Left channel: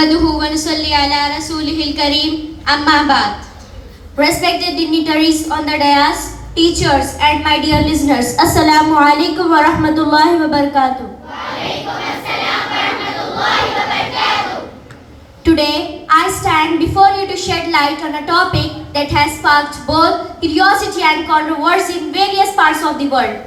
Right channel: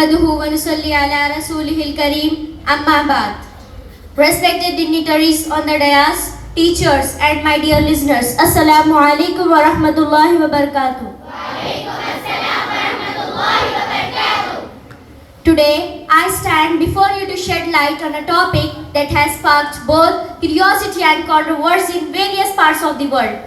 नहमदुहु व नुसल्ली अला रसूलिहिल करीम अम्मा बाद. Respected dignitaries on the dais, teachers and my dear listeners, Assalamu alaikum wa rahmatullahi wa barakatuh. Today, I stand before you to shed light on a topic that has sparked both curiosity and controversy in various parts of the world.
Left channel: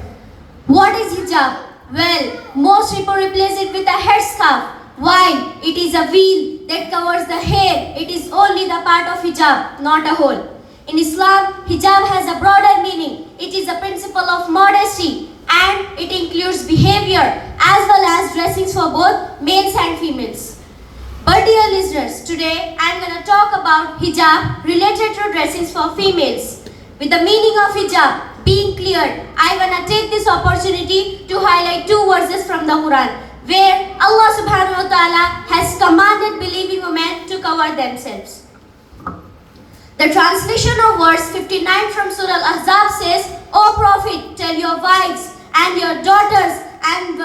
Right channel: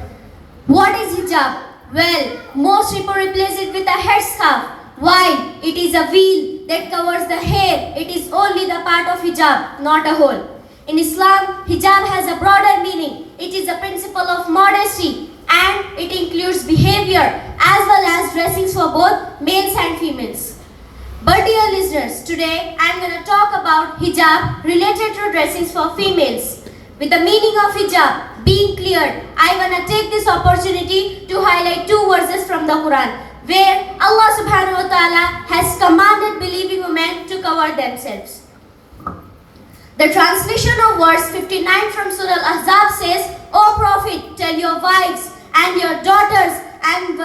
What is hijab? Well, most people replace it with a headscarf. Why? It is a veil that covers the hair. It is only the part of hijab, not a whole. In Islam, hijab has a broader meaning. It is a principle of modesty and it includes behavior as well as dressings for both males and females. But dear listeners, today I am going to talk about hijab related to dressings for females. With the meaning of hijab being cleared, I want to take this opportunity to highlight two verses from the Quran where Allah subhanahu wa ta'ala has commanded believing women to cover themselves. The translation of verse 59 from Surah Al-Ahzab says, O Prophet, tell your wives and your daughters and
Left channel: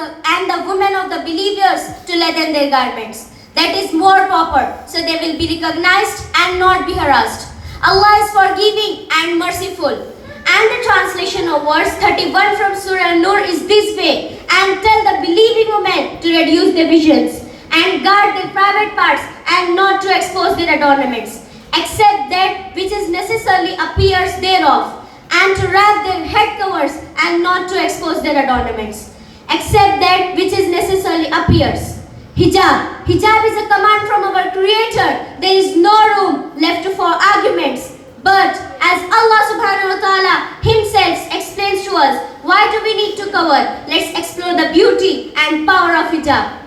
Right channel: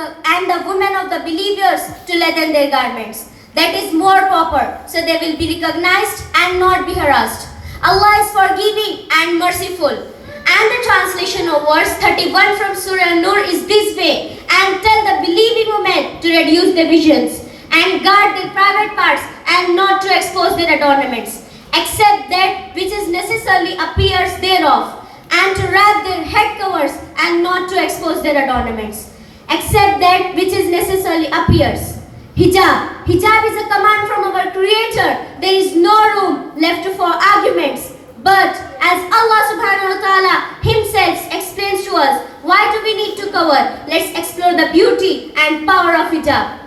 the women of the believers to lengthen their garments. That is more proper, so they will be recognized and not be harassed. Allah is forgiving and merciful. And the translation of verse 31 from Surah An-Nur is this way, and tell the believing women to reduce their visions and guard their private parts and not to expose their adornments, except that which is necessarily appears thereof, and to wrap their head covers and not to expose their adornments, except that which is necessarily appears. Hijab. Hijab is a command from our Creator. There is no room left for arguments. But as Allah subhanahu wa ta'ala Himself explains to us, why do we need to cover? Let's explore the beauty and power of hijab.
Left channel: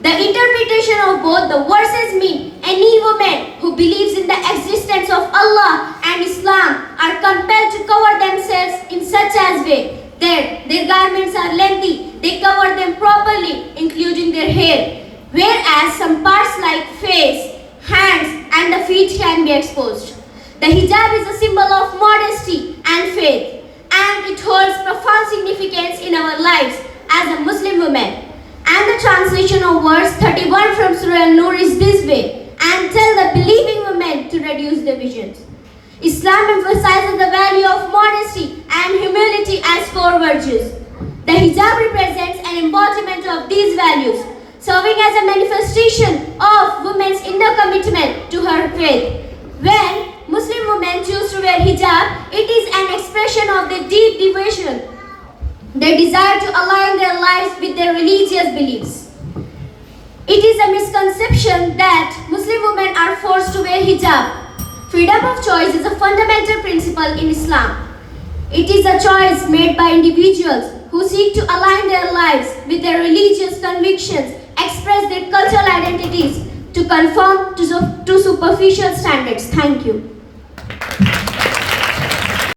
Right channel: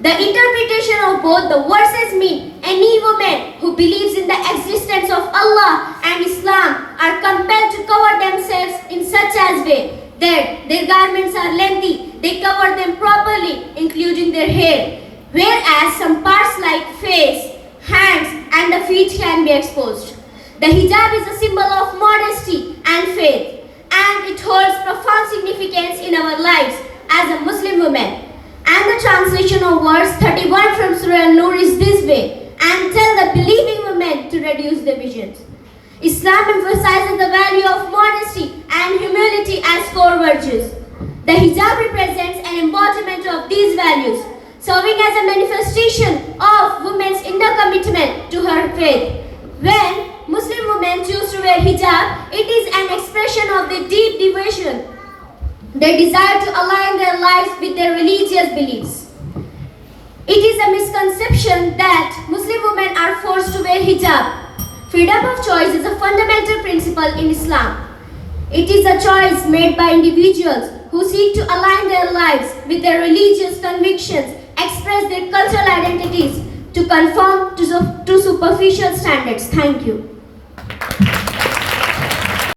The interpretation of both the verses mean any woman who believes in the existence of Allah and Islam are compelled to cover themselves in such as way that their garments are lengthy, they cover them properly, including their hair, whereas some parts like face, hands and the feet can be exposed. The hijab is a symbol of modesty and faith, and it holds profound significance in our lives as a Muslim woman. And the translation of verse 31 from Surah An-Nur is this way, and tell the believing women to reduce their visions. Islam emphasizes the value of modesty and humility as core virtues. The hijab represents an embodiment of these values, serving as a manifestation of women's inner commitment to her faith. When Muslim women choose to wear hijab, it is an expression of their deep devotion, their desire to align their lives with their religious beliefs. It is a misconception that Muslim women are forced to wear hijab. Freedom of choice is a fundamental principle in Islam. It is a choice made by individuals who seek to align their lives with their religious convictions, express their cultural identities, to conform to superficial standards. Thank you.